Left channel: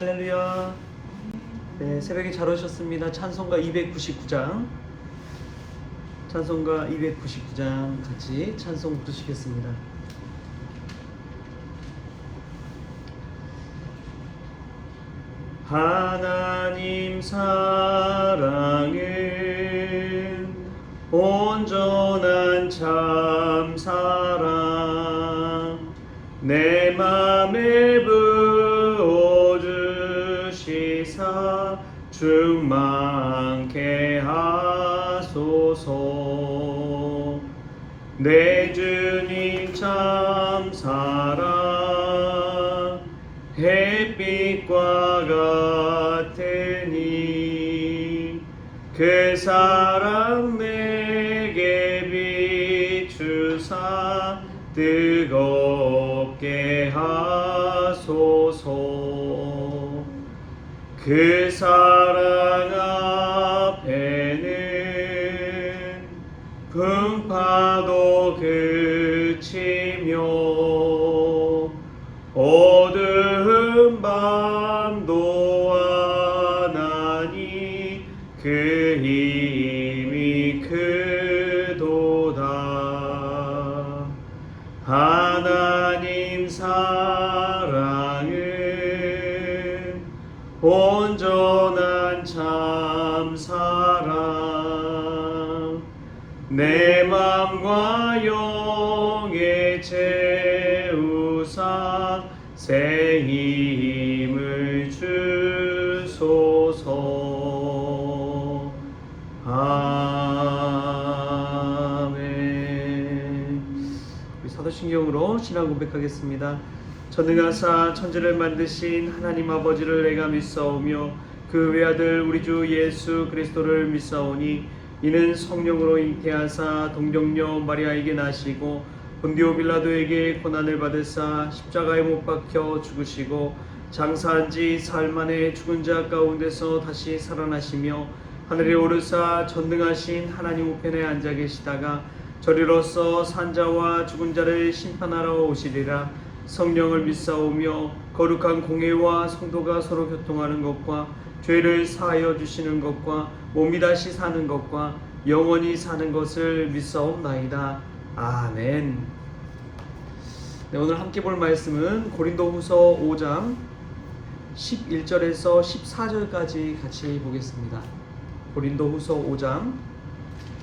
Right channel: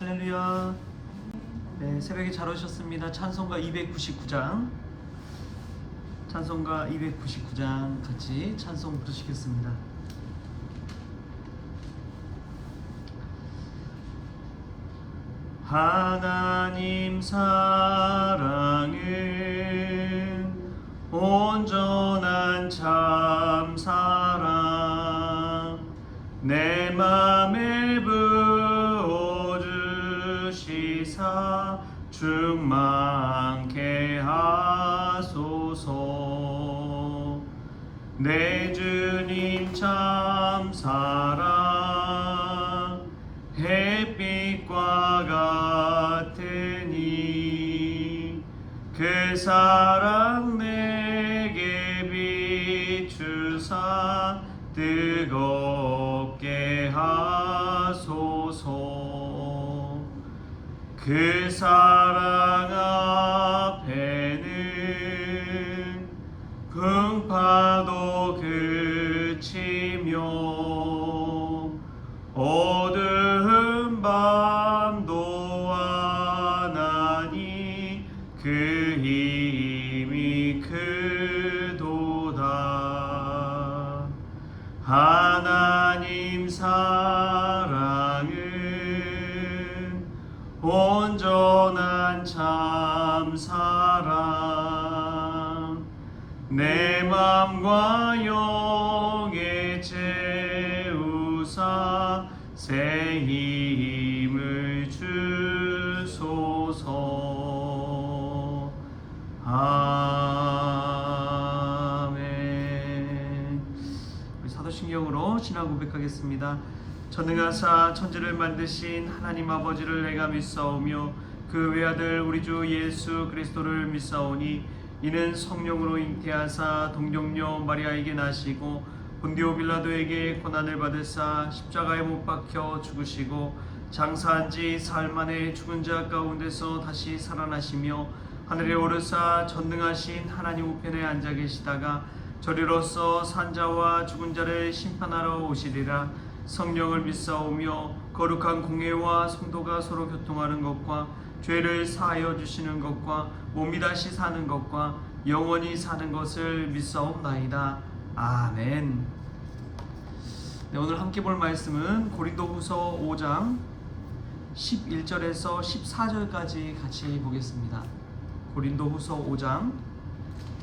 할렐루야. 네, 새벽에 잘 오셨습니다. 찬송가 299장. 찬송가 299장 같이 찬송 부르시겠습니다. 하나님 사랑은 온전한 참 사랑, 내 맘에 부어주시사 충만케 하소서. 내 주님 참 사랑 햇빛과 같으니 그 사랑 내게 비추사 뜨겁게 하소서. 그 사랑 앞에는 풍파도 그치며 어두운 밤도 와나니 그 힘이 크도다. 하나님 사랑은 온전한 참 사랑, 내 맘과 영에 채우사 새 힘을 주소서. 아멘. 우리 사도신경으로 신앙 고백하겠습니다. 전능하사 천지를 만드신 하나님 아버지를 내가 믿사오며 그 외아들 우리 주 예수 그리스도를 믿사오니 이는 성령으로 잉태하사 동정녀 마리아에게 나시고 본디오 빌라도에게 고난을 받으사 십자가에 못 박혀 죽으시고 장사한 지 사흘 만에 죽은 자 가운데서 다시 살아나시며 하늘에 오르사 전능하신 하나님 우편에 앉아 계시다가 저리로서 산자와 죽은 자를 심판하러 오시리라. 성령을 믿사오며 거룩한 공회와 성도가 서로 교통하는 것과 죄를 사하여 주시는 것과 몸이 다시 사는 것과 영원히 사는 것을 믿사옵나이다. 아멘. 네, 오늘 함께 볼 말씀은 고린도후서 5장 11절에서 14절까지 같이 보겠습니다. 고린도후서 5장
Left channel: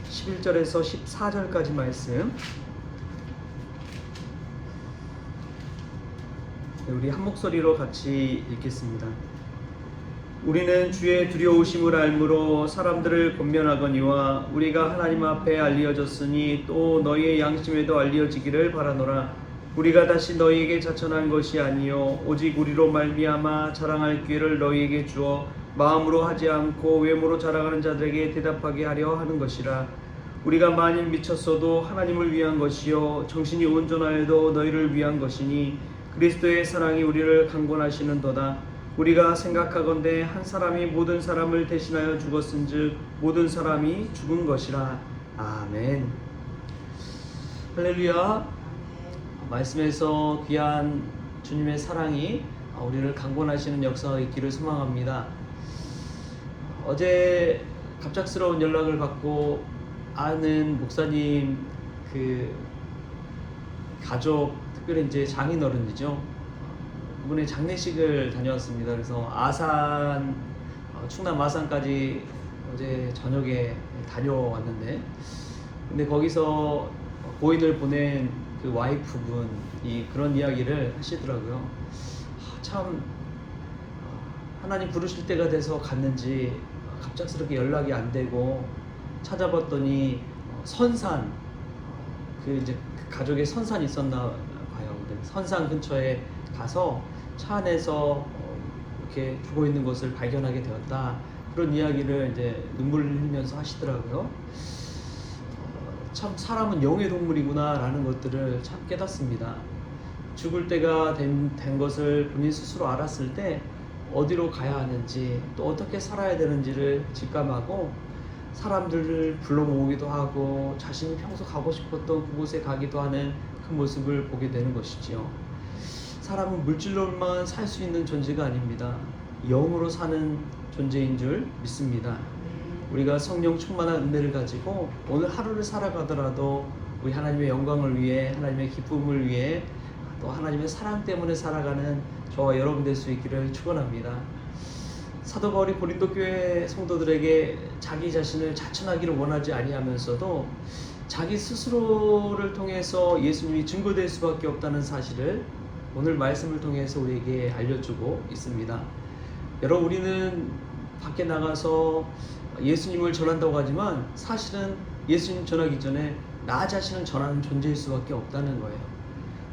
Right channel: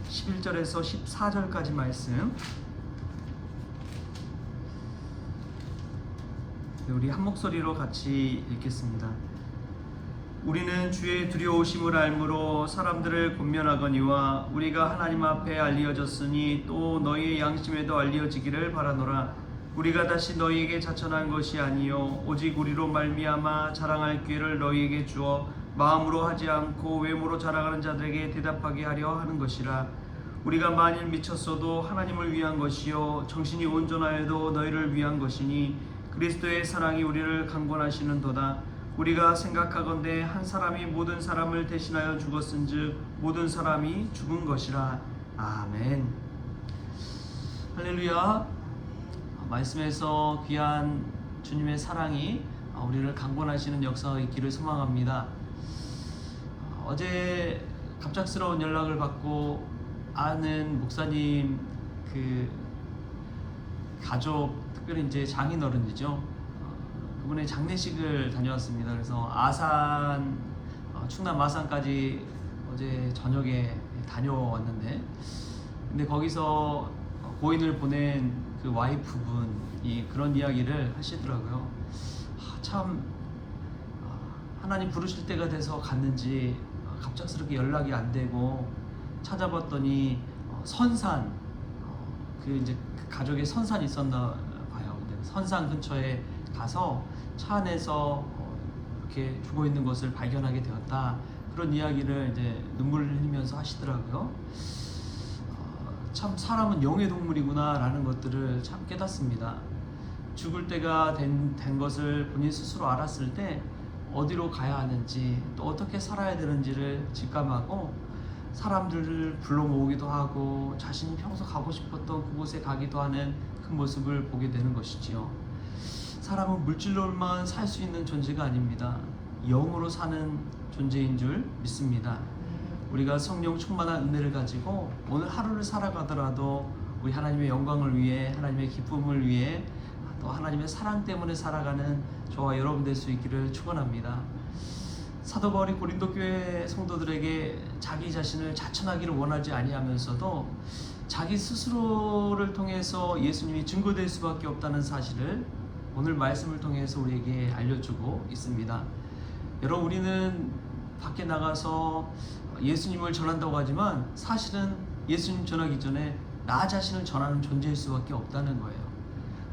11절에서 14절까지 말씀. 네, 우리 한 목소리로 같이 읽겠습니다. 우리는 주의 두려우심을 알므로 사람들을 권면하거니와 우리가 하나님 앞에 알려졌으니 또 너희의 양심에도 알려지기를 바라노라. 우리가 다시 너희에게 자천한 것이 아니요 오직 우리로 말미암아 자랑할 기회를 너희에게 주어 마음으로 하지 않고 외모로 자랑하는 자들에게 대답하게 하려 하는 것이라. 우리가 만일 미쳤어도 하나님을 위한 것이요 정신이 온전하여도 너희를 위한 것이니 그리스도의 사랑이 우리를 강권하시는도다. 우리가 생각하건대 한 사람이 모든 사람을 대신하여 죽었은즉 모든 사람이 죽은 것이라. 아멘. 할렐루야. 말씀에서 귀한 주님의 사랑이 우리를 강권하시는 역사가 있기를 소망합니다. 어제 갑작스러운 연락을 받고 아는 목사님 그 가족, 특별히 이제 장인어른이죠. 그분의 장례식을 다녀왔습니다. 그래서 아산, 충남 아산까지 어제 저녁에 다녀왔는데, 근데 거기서 고인을 보낸 그 와이프분이 그런 이야기를 하시더라고요. 참 하나님 부르실 때가 돼서 갔는지 갑작스럽게 연락이 안 되고 찾아봤더니 선산, 그 이제 그 가족의 선산이 있었나 봐요. 근데 선산 근처에 가서 차 안에서 이렇게 죽어 있는 것을 발견하게 되었다. 그런 이야기를 이제 눈물을 흘리면서 하시더라고요. 참 사람은 영의 동물이구나 라는 것들을 참 깨닫습니다. 죽을 때가 된 것을 본인 스스로 알았을 때 어디로 가야 하는지 또 어떻게 살아야 되는지를 직감하고 사람들을 불러 모으기도 하고 자신이 평소 가고 싶었던 그곳에 가기도 하는 그 모습을 보게 되는 것이지요. 사람은 물질로만 살 수 있는 존재가 아닙니다. 영으로 사는 존재인 줄 믿습니다. 우리가 성령 충만한 은혜를 가지고 오늘 하루를 살아가더라도 우리 하나님의 영광을 위해, 하나님의 기쁨을 위해, 또 하나님의 사랑 때문에 살아가는 저와 여러분 될 수 있기를 축원합니다. 사도 바울이 고린도 교회 성도들에게 자기 자신을 자천하기를 원하지 아니하면서도 자기 스스로를 통해서 예수님이 증거될 수밖에 없다는 사실을 오늘 말씀을 통해서 우리에게 알려주고 있습니다. 여러분, 우리는 밖에 나가서 예수님을 전한다고 하지만 사실은 예수님 전하기 전에 나 자신을 전하는 존재일 수밖에 없다는 거예요.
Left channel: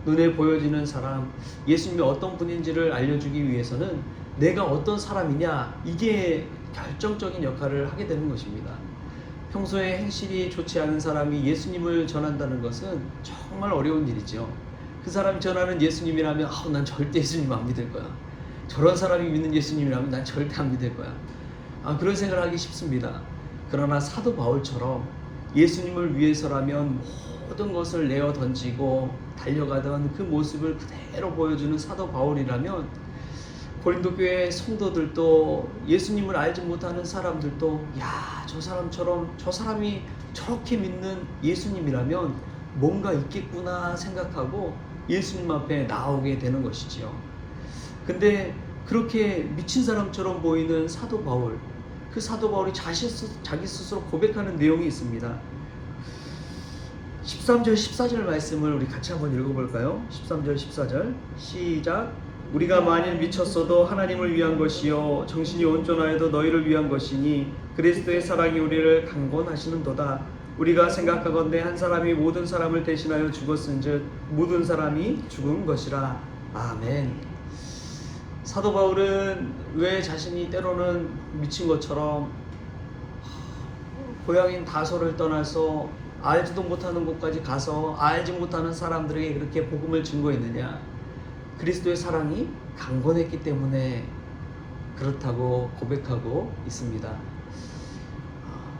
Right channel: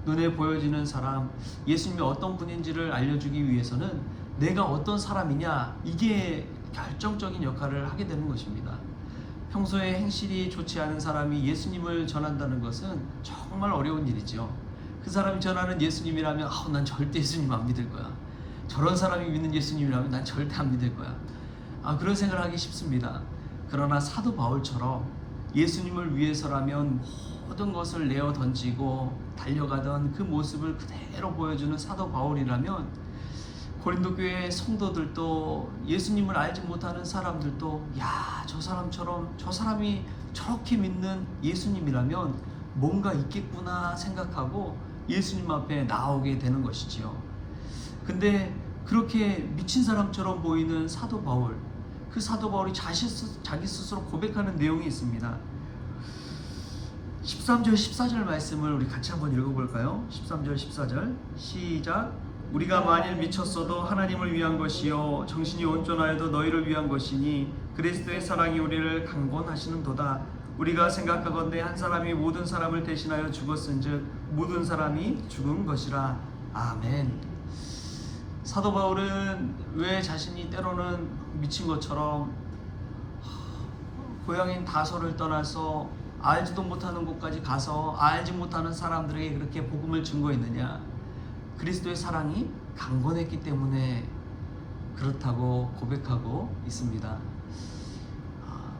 눈에 보여지는 사람, 예수님이 어떤 분인지를 알려주기 위해서는 내가 어떤 사람이냐, 이게 결정적인 역할을 하게 되는 것입니다. 평소에 행실이 좋지 않은 사람이 예수님을 전한다는 것은 정말 어려운 일이죠. 그 사람이 전하는 예수님이라면 난 절대 예수님 안 믿을 거야. 저런 사람이 믿는 예수님이라면 난 절대 안 믿을 거야. 그런 생각을 하기 쉽습니다. 그러나 사도 바울처럼 예수님을 위해서라면 모든 것을 내어 던지고 달려가던 그 모습을 그대로 보여주는 사도 바울이라면 고린도 교회 성도들도, 예수님을 알지 못하는 사람들도 저 사람처럼, 저 사람이 저렇게 믿는 예수님이라면 뭔가 있겠구나 생각하고 예수님 앞에 나오게 되는 것이죠. 근데 그렇게 미친 사람처럼 보이는 사도 바울, 그 사도 바울이 자기 스스로 고백하는 내용이 있습니다. 13절 14절 말씀을 우리 같이 한번 읽어볼까요? 13절 14절 시작. 우리가 만일 미쳤어도 하나님을 위한 것이요 정신이 온전하여도 너희를 위한 것이니 그리스도의 사랑이 우리를 강권하시는도다. 우리가 생각하건대 한 사람이 모든 사람을 대신하여 죽었은즉 모든 사람이 죽은 것이라. 아멘. 사도 바울은 왜 자신이 때로는 미친 것처럼 고향인 다소를 떠나서 알지도 못하는 곳까지 가서 알지 못하는 사람들에게 그렇게 복음을 증거했느냐? 그리스도의 사랑이 강건했기 때문에 그렇다고 고백하고 있습니다.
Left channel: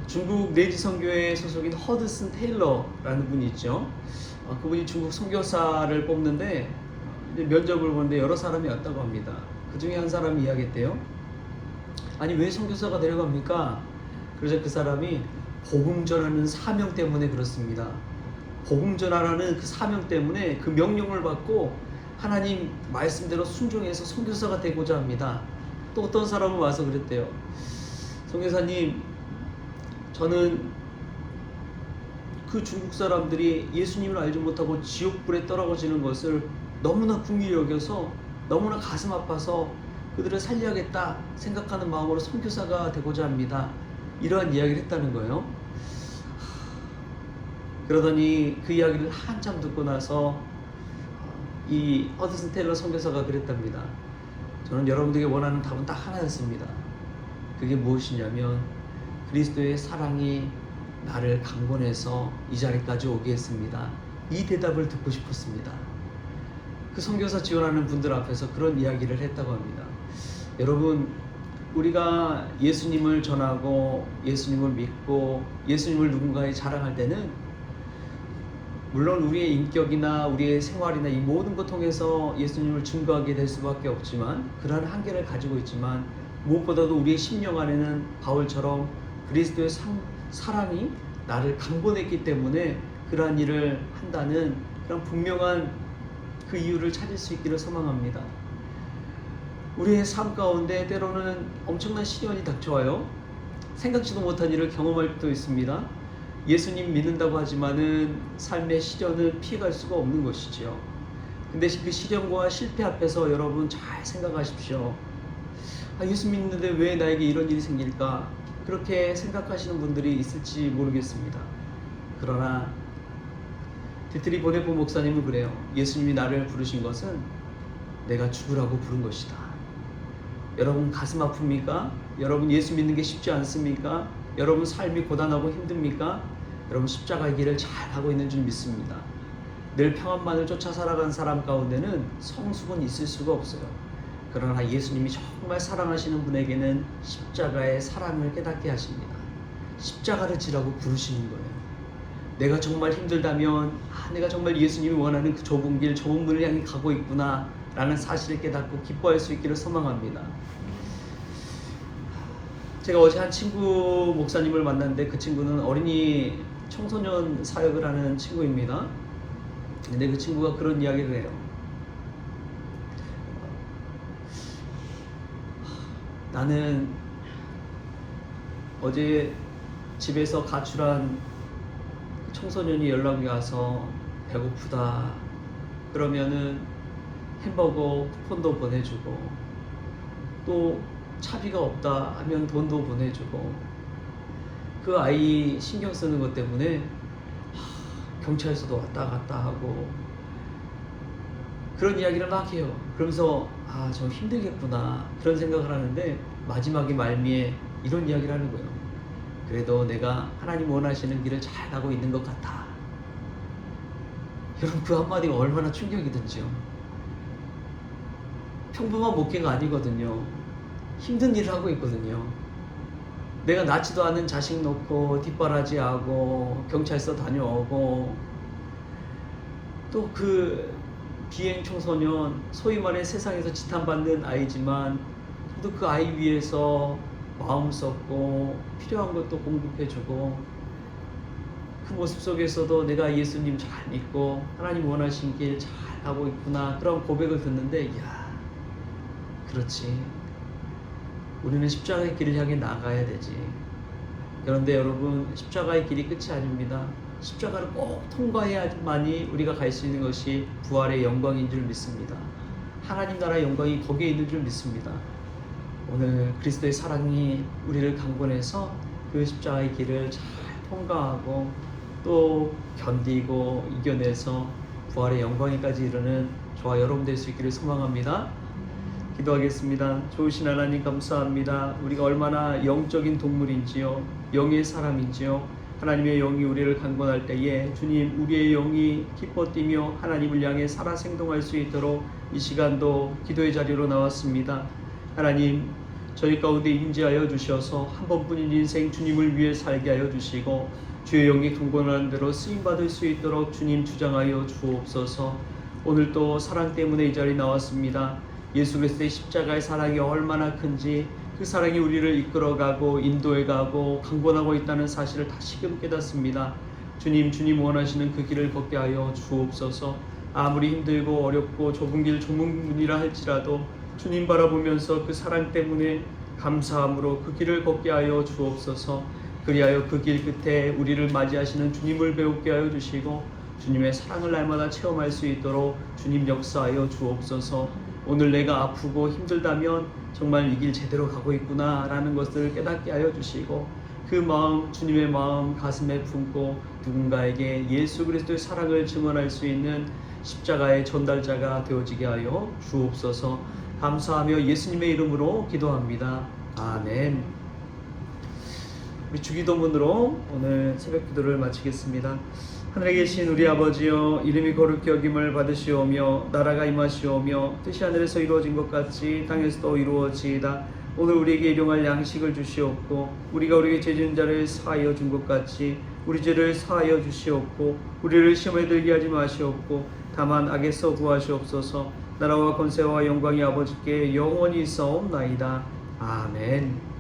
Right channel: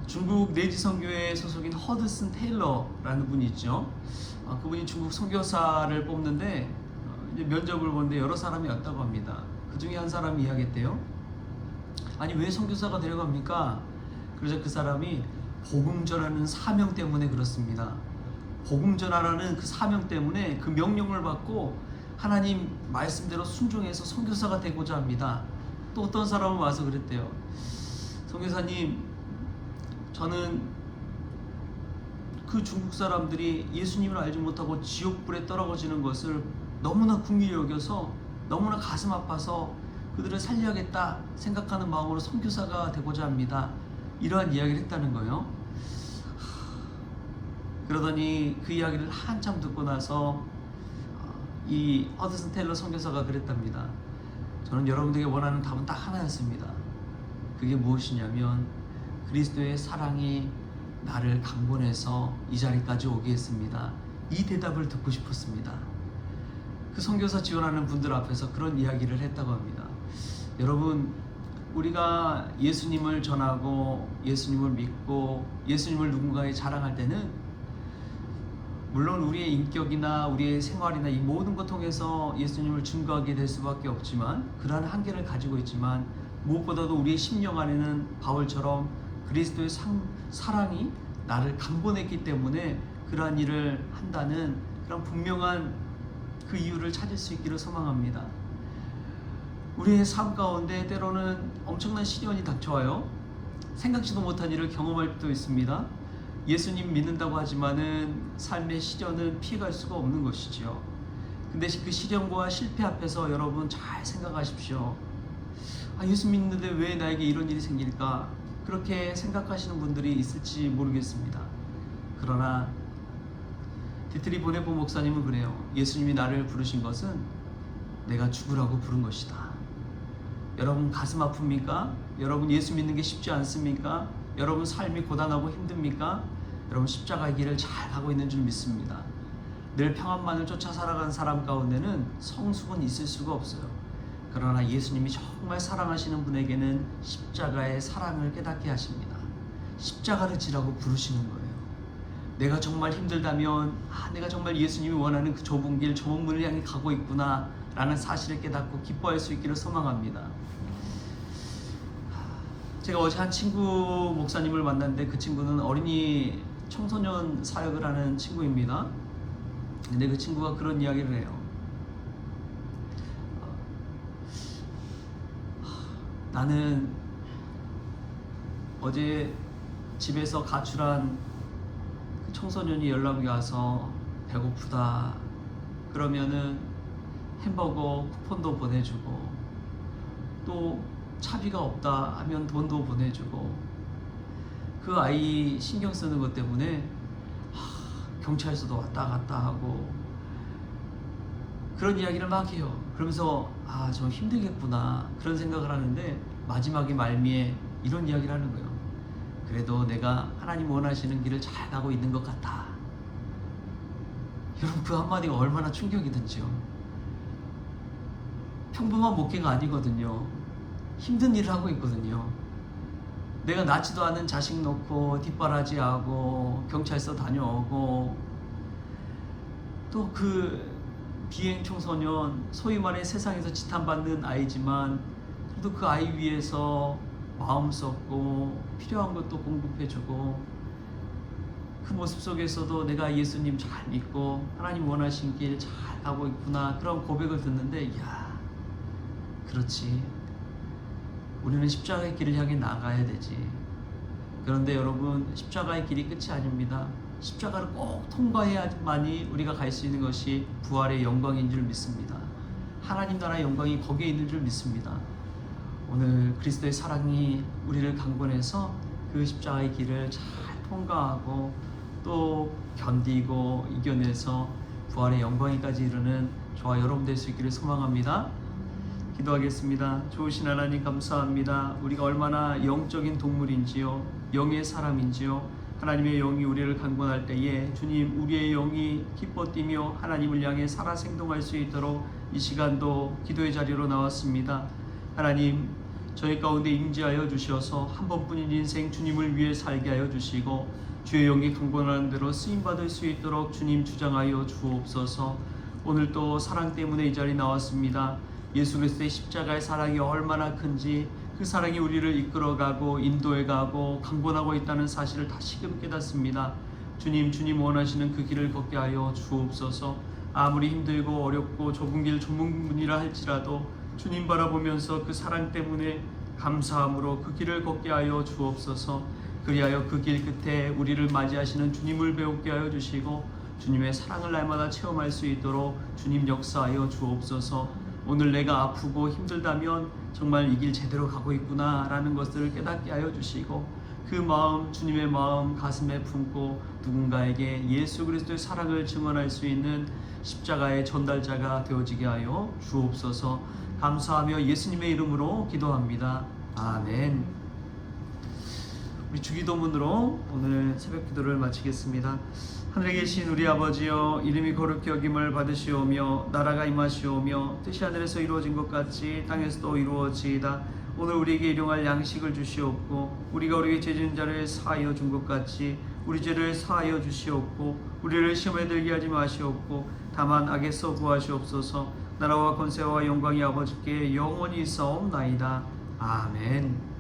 중국 내지 선교회 소속인 허드슨 테일러라는 분이 있죠. 그분이 중국 선교사를 뽑는데 이제 면접을 보는데 여러 사람이 왔다고 합니다. 그 중에 한 사람이 이야기했대요. 아니, 왜 선교사가 데려갑니까? 그래서 그 사람이 복음 전하는 사명 때문에 그렇습니다. 복음 전하라는 그 사명 때문에, 그 명령을 받고 하나님 말씀대로 순종해서 선교사가 되고자 합니다. 또 어떤 사람은 와서 그랬대요. 선교사님, 저는 그 중국 사람들이 예수님을 알지 못하고 지옥불에 떨어지는 것을 너무나 긍휼히 여겨서 너무나 가슴 아파서 그들을 살려야겠다 생각하는 마음으로 선교사가 되고자 합니다. 이러한 이야기를 했다는 거예요. 그러더니 그 이야기를 한참 듣고 나서 이 허드슨 테일러 선교사가 그랬답니다. 저는 여러분들에게 원하는 답은 딱 하나였습니다. 그게 무엇이냐면 그리스도의 사랑이 나를 강권해서 이 자리까지 오게 했습니다. 이 대답을 듣고 싶었습니다. 그 선교사 지원하는 분들 앞에서 그런 이야기를 했다고 합니다. 여러분, 우리가 예수님을 전하고 예수님을 믿고 예수님을 누군가에 자랑할 때는 물론 우리의 인격이나 우리의 생활이나 이 모든 것 통해서 예수님을 증거하게 될 수밖에 없지만, 그러한 한계를 가지고 있지만, 무엇보다도 우리의 심령 안에는 바울처럼 그리스도의 사랑이 나를 강권했기 때문에 그러한 일을 한다는 그런 분명한 그 이유를 찾을 수 있기를 소망합니다. 우리의 삶 가운데 때로는 엄청난 시련이 닥쳐와요. 생각지도 못한 일을 경험할 때도 있습니다. 예수님 믿는다고 하지만은 삶의 시련은 피해갈 수가 없는 것이지요. 근데 그 시련과 실패 앞에서 여러분 잘 생각하십시오. 예수 믿는데 왜 나에게 이런 일이 생길까? 그렇게 생각하시는 분들이 있을지 모르겠습니다. 그러나 디트리 보네포 목사님은 그래요. 예수님이 나를 부르신 것은 내가 죽으라고 부른 것이다. 여러분 가슴 아픕니까? 여러분 예수 믿는 게 쉽지 않습니까? 여러분 삶이 고단하고 힘듭니까? 여러분 십자가의 길을 잘 가고 있는 줄 믿습니다. 늘 평안만을 쫓아 살아간 사람 가운데는 성숙은 있을 수가 없어요. 그러나 예수님이 정말 사랑하시는 분에게는 십자가의 사랑을 깨닫게 하십니다. 십자가를 지라고 부르시는 거예요. 내가 정말 힘들다면 내가 정말 예수님이 원하는 그 좁은 길, 좁은 문을 향해 가고 있구나 라는 사실을 깨닫고 기뻐할 수 있기를 소망합니다. 제가 어제 한 친구 목사님을 만났는데 그 친구는 어린이 청소년 사역을 하는 친구입니다. 근데 그 친구가 그런 이야기를 해요. 나는 어제 집에서 가출한 청소년이 연락이 와서 배고프다 그러면은 햄버거 쿠폰도 보내주고 또 차비가 없다 하면 돈도 보내주고 그 아이 신경 쓰는 것 때문에 경찰서도 왔다 갔다 하고 그런 이야기를 막 해요. 그러면서 좀 힘들겠구나 그런 생각을 하는데 마지막에 말미에 이런 이야기를 하는 거예요. 그래도 내가 하나님 원하시는 길을 잘 가고 있는 것 같아. 여러분 그 한마디가 얼마나 충격이든지요. 평범한 목회가 아니거든요. 힘든 일을 하고 있거든요. 내가 낳지도 않은 자식 놓고 뒷바라지하고 경찰서 다녀오고 또 그 비행 청소년 소위 말해 세상에서 지탄받는 아이지만 또 그 아이 위해서 마음 썼고 필요한 것도 공급해주고 그 모습 속에서도 내가 예수님 잘 믿고 하나님 원하신 길 잘 가고 있구나 그런 고백을 듣는데 이야 그렇지 우리는 십자가의 길을 향해 나가야 되지. 그런데 여러분 십자가의 길이 끝이 아닙니다. 십자가를 꼭 통과해야만이 우리가 갈 수 있는 것이 부활의 영광인 줄 믿습니다. 하나님 나라의 영광이 거기에 있는 줄 믿습니다. 오늘 그리스도의 사랑이 우리를 강권해서 그 십자가의 길을 잘 통과하고 또 견디고 이겨내서 부활의 영광에까지 이르는 저와 여러분 될 수 있기를 소망합니다. 기도하겠습니다. 좋으신 하나님 감사합니다. 우리가 얼마나 영적인 동물인지요 영의 사람인지요 하나님의 영이 우리를 강권할 때에 주님 우리의 영이 기뻐 뛰며 하나님을 향해 살아 생동할 수 있도록 이 시간도 기도의 자리로 나왔습니다. 하나님 저희 가운데 임재하여 주셔서 한 번뿐인 인생 주님을 위해 살게 하여 주시고 주의 영이 강권하는 대로 쓰임받을 수 있도록 주님 주장하여 주옵소서. 오늘도 사랑 때문에 이 자리에 나왔습니다. 예수 그리스도의 십자가의 사랑이 얼마나 큰지 그 사랑이 우리를 이끌어가고 인도해가고 강권하고 있다는 사실을 다시금 깨닫습니다. 주님 원하시는 그 길을 걷게 하여 주옵소서. 아무리 힘들고 어렵고 좁은 길 좁은 문이라 할지라도 주님 바라보면서 그 사랑 때문에 감사함으로 그 길을 걷게 하여 주옵소서. 그리하여 그 길 끝에 우리를 맞이하시는 주님을 배우게 하여 주시고 주님의 사랑을 날마다 체험할 수 있도록 주님 역사하여 주옵소서. 오늘 내가 아프고 힘들다면 정말 이 길 제대로 가고 있구나 라는 것을 깨닫게 하여 주시고 그 마음 주님의 마음 가슴에 품고 누군가에게 예수 그리스도의 사랑을 증언할 수 있는 십자가의 전달자가 되어지게 하여 주옵소서. 감사하며 예수님의 이름으로 기도합니다. 아멘. 우리 주기도문으로 오늘 새벽 기도를 마치겠습니다. 하늘에 계신 우리 아버지여 이름이 거룩히 여김을 받으시오며 나라가 임하시오며 뜻이 하늘에서 이루어진 것 같이 땅에서도 이루어지이다. 오늘 우리에게 일용할 양식을 주시옵고 우리가 우리에게 죄 지은 자를 사하여 준 것 같이 우리 죄를 사하여 주시옵고 우리를 시험에 들게 하지 마시옵고 다만 악에서 구하시옵소서. 나라와 권세와 영광이 아버지께 영원히 있사옵나이다. 아멘.